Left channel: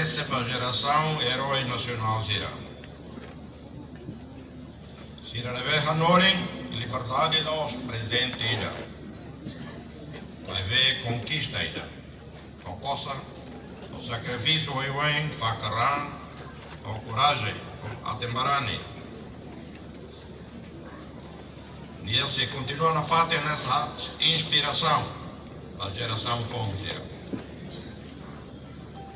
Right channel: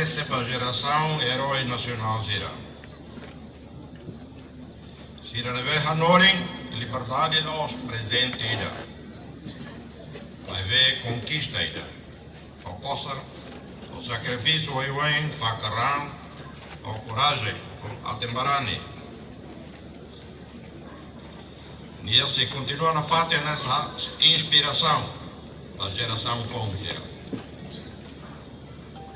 essa para a geração herói nacional Zira. Zira na vez Hanorin, liberdade nós presente ida. Na vez conquista ida. O coisa, o sacrifício o facaran, o coragem, a tembarani. E se continua na fato nessa inspiração da geração como Zira.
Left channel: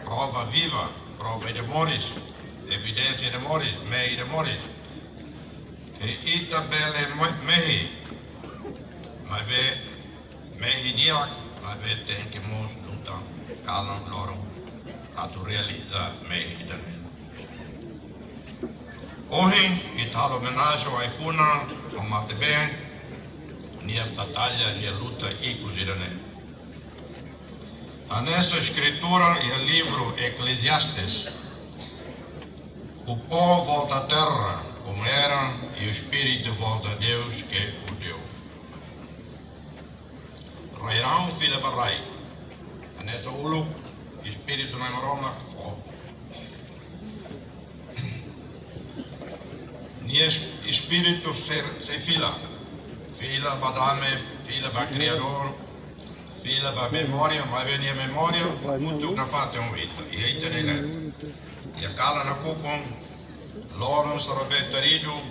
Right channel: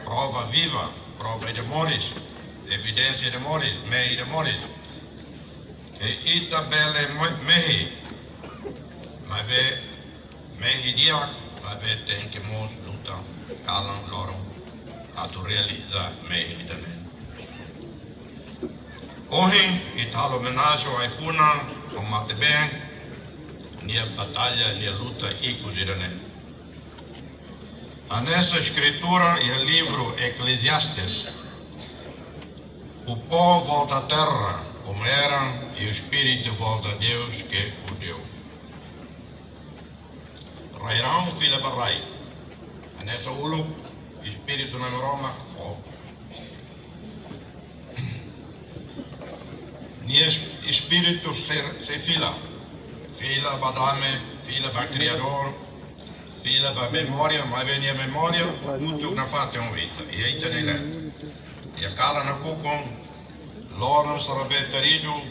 Prova viva, prova de Moris, evidência de Moris, meio de Moris. E itabele mehi, mas mehi diak, mas tem que mos lutar, calam loro, a tu realizar mehi dane. Hoje, italo homenagem ao Aikuna, ao Matebem, nia batalha, nia luta e cozirane. Nessa escritura e o livro Eclesiastes, o povo volta à terra como era e o espírito volta a Deus que o deu. Rairão filha barai, nessa ulu espírito na Roma, ni espírito se fila badame, fila ba criador. Fila para memória, mas vem a memória, muito na fata uma vida. E aí tem ele. E a cala na cucum, Loren sarabetarido,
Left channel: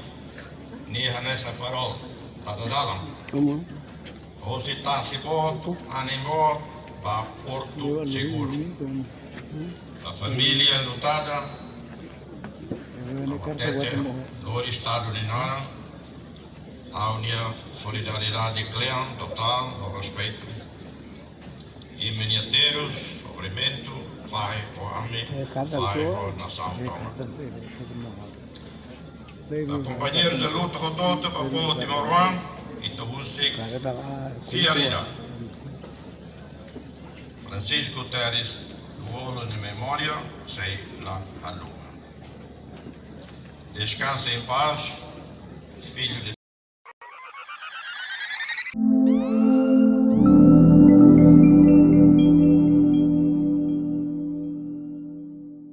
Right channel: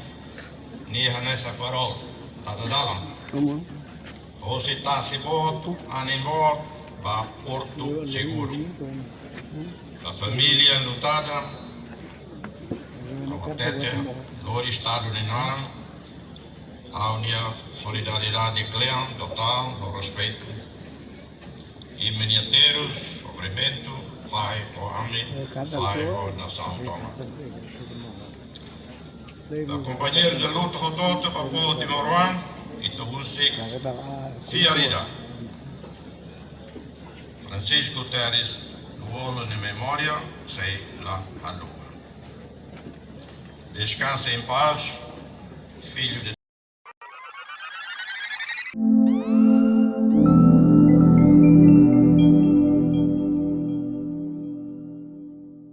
ni nessa farol, para dalam. Ou se está se bot, animo, para Porto Seguro. A família lutada, a tete, lor estado de Nara, a unia solidariedade clean, total, o respeito. E miniateiros, sofrimento, vai o ame, vai a nação toma. Companheiros de luta rodota para o povo de Morwan e Tobusik, Fiarida. Francisco Teres, do Olo de Memória, sei lá a lua. Descanse em paz, filho de